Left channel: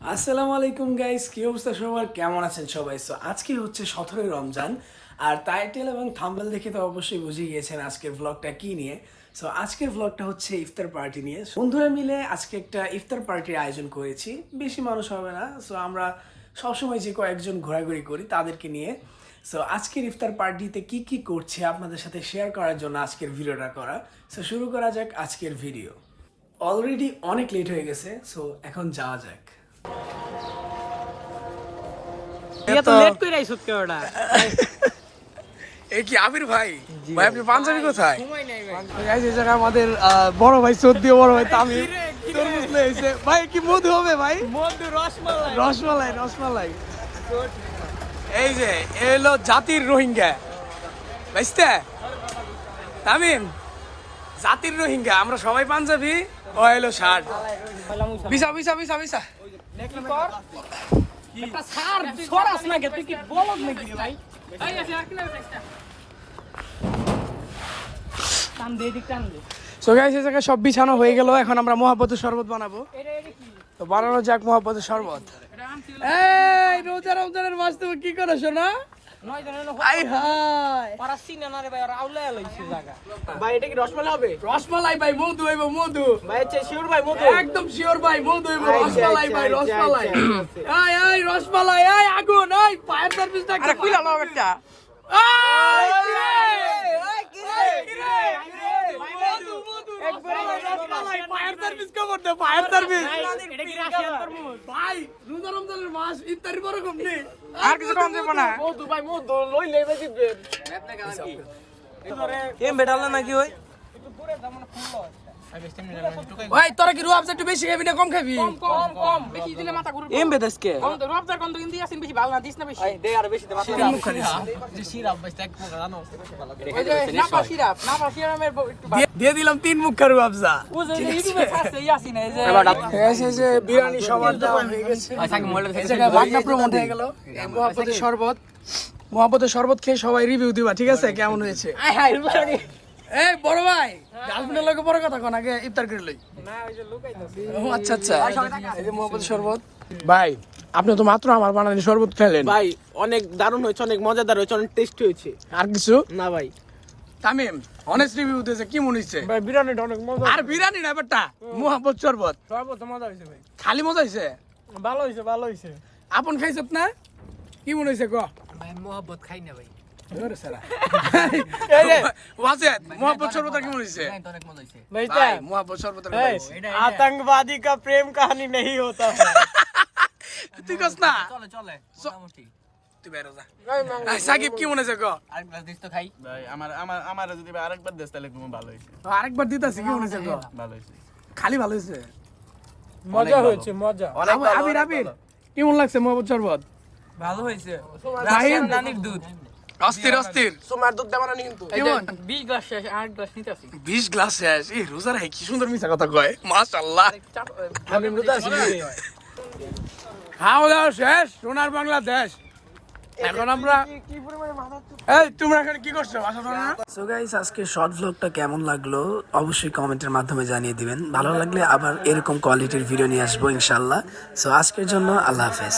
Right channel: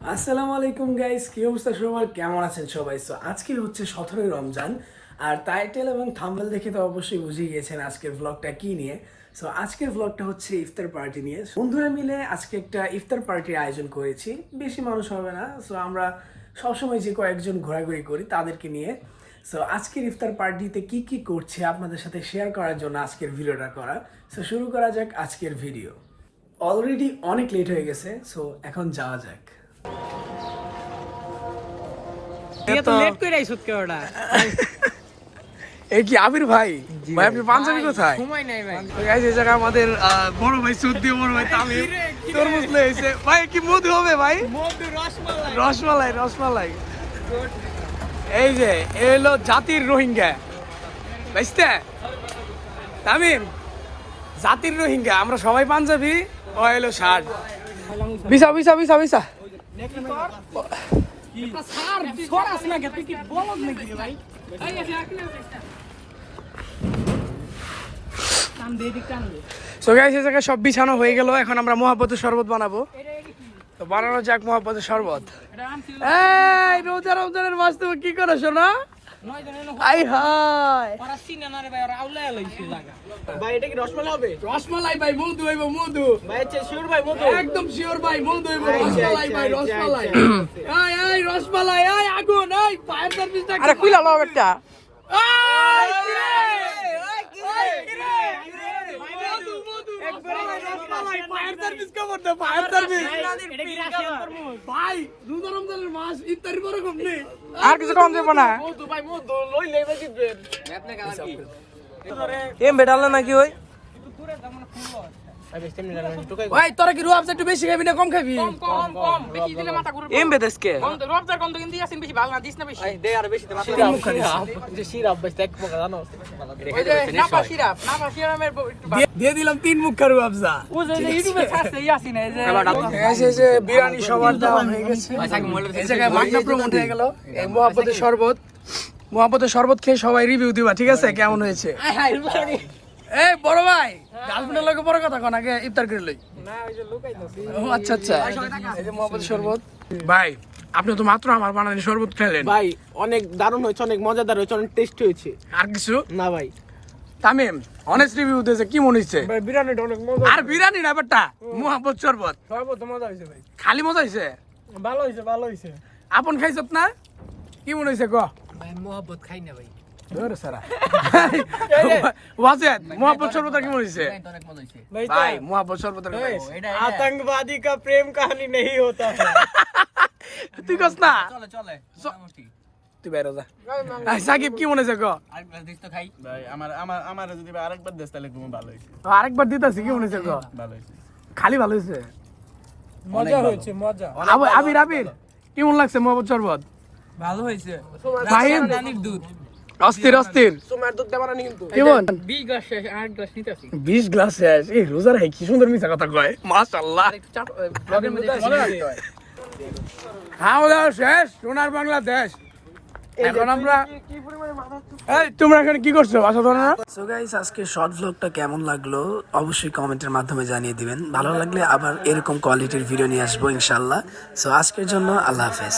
আসসালামু আলাইকুম গাইস কি অবস্থা সবার? কেমন আছেন সবাই? সো আজকে হচ্ছে সতেরোই রমজান, আর টাইটেল এবং থাম্বনেল দেখে তো অবশ্যই বুঝে গিয়েছেন আজকের ব্লগটা কি নিয়ে। সো আজকের ব্লগটা হচ্ছে ইফতার পার্টি নিয়ে। বন্ধুরা মিলে আজকে একটা ইফতার পার্টির আয়োজন করেছি। বেশি মানুষ হবে না। সো আমরা সবসময় যে কয়েকজন ঘোরাঘুরি করি তাদেরকে নিয়ে। সো আজকের ইফতার পার্টিতে কি কি করছে আপনাদের সাথে শেয়ার করার জন্য আজকের ভিডিওটা করা। সো শুরু করা যাক আজকের ভিডিও অলরেডি অনেক লেট হয়ে গেছে। সো এখন যাওয়া যাক। এই কি আবির ভাই? ভাই আপনি পাঞ্জাবি কোথায়? সময় নাই ভাই। এই জায়গায় আমাদের বড় ভাই সর্দি বড় ভাই তামিম তরমুজ লেগেছে ভাই কি মধু হবে ভাই? মধ্যে রসমালাই। রসমালাই রসমালাই। এই যে এ হলো জাতির রোহিঙ্গা। বুঝতে? তামিম জাতির রোহিঙ্গা আমরা সবাই পাঞ্জাবি ও এলো ষাট। বিসা বিসা বিসা বিসা সব বিছানো হয়ে গেল। এখন আমরা মহাপতের শরবত বানাবো। তো বানানো যাক মহাপত শরবত। এটা আনছিল এই রোজা রমজানের মাস তুমি কি করো শোনা আই হাই পারা রে ভাই আর আউলা লাইছে জায়গা। ভাই এটা কি রসমালাই হবে? রসমালাই ভাই মধু হইব মধু। ভাই আচ্ছা শিওর ভাই মতো একদম শিওর ভাই মধু হইব রসমালাই ভাই রসমালাই। আই আই রসমালাই এই আগুন আই ফায়ার সার্ভিসটা আরে কইলা লও একটা। মধু মধু ফায়ার সার্ভিস কবর দে ফায়ার সার্ভিস এটা কি রাশিয়ান তরমুজ ভাই রোজা রমজানের মাস ইফতারি বড় কম নেই। আর কিছু কম যাব না। ভাই লই কাজ কি। এম বেটালে নাকি ওই? ওই তোরা কি রুয়াবজা একটু বেশি খাবি না কম খাবি? কম কম কম। বেশি দিলে মাথা ঘুরবে। এম বেদেশকে কম তো কম তো কিন্তু দিয়াছেন বেশি ভালো না দিস না বেশি। দে আর বেশি মাত্র তিন মুখ খালিস যে সিরাপ বেশ এক যে নাপা সিরাপ নাপা সিরাপের একটু দিয়ে- দিলাম তিন মুখ খারু আবজা ও যে ইউটিউবে ইয়াসিন এই যে এসে যে বিরিয়ানি সবার দেওয়া হয়ে গেছে। এই জায়গায় বাগনা প্রমোট হয়ে গেল। এই মহাপতের শরবত। মহাপতের শরবত খেয়ে সবাই রিভিউ দিবা ঠিক আছে? কেমন হয়েছে? হায় এই বড় ভাই গার্লফ্রেন্ডের লোকে বড় কথা কোন আগে ইফতার করে লই। না ওই যে লুকাইতাছি ও আচ্ছা আচ্ছা। এই যে মহাপতের শরবত। ভাই আপনি তো মাত্র আমার বানানি শরবত খেলেন। ভাই অনেক দারুণ হয়েছে অনেক মজাদার হয়েছে অনেক টেস্টি হয়েছে। আর কিছু? না ভাই। তামিম অনেস্ট রিভিউ দিয়েছে কি মনে হচ্ছে? ভাই বিরিয়ানিটা অনেক মজা আর বিরিয়ানি না বেটা মহাপত শরবত। সর্বত মজা হয়েছে ভাই। খালি মজা হয়েছে? ভালো হয়েছে ভালো হয়েছে। আপন খাইছত না কি মনে হয়েছে গ ভাই মোহাব্বত খাই না ভাই। ধরে সারা ওয়াজেদ মোহাম্মদ সর্বতা কি মনে হয়েছে অনেক মজা হইছে ভাই মোহাম্মদ সর্বতা आतंकवादी का प्रेम कहानी नहीं होता তুই কস না চলে চলে চ- মোটামুটি তুই বেরো যা আই, সাকিব কি মনে হয়েছে গ আরেক গ্লাস দিস তো খাই ভাই আমার আমার আমার যদি ভাই আরেকবার দেশ তাহলে খুব ভালো হয়েছে আরেকবার দিতাছি কি মনে হয়েছে গ ভালো হয়েছে খালি ভালো হয়েছে মজা হয়েছে মজা আব- আবির আবির কেমন লাগছে মোহাম্মদ শরবত ভালো হইছে ফাহিম রানীর দুধ অস্থির অস্থির। তোমার দুধ দেওয়া না কিন্তু। কেমন? 20 গ্লাস শেষ আরেক গ্লাস নিতেছি বিশ গ্লাস শেষ? এই রোজার হাই কি সুন্দর মিশা কথা কয়। খাওয়া দাওয়া শেষ সোনার বাংলাদেশ। এখন আমরা এই তোমরা এখানে কি করছ? বাসা ধরো না। সো গাইস আজকে শর্ট ভ্লগটা কেমন লাগল? অবশ্যই কমেন্টের মাধ্যমে জানিয়ে দিবেন। ভালো লাগলে আবার এরকম কোয়ালিটির ভিডিও নিয়ে আসব ইনশাল্লাহ সো আজকের জন্য আল্লাহ হাফেজ।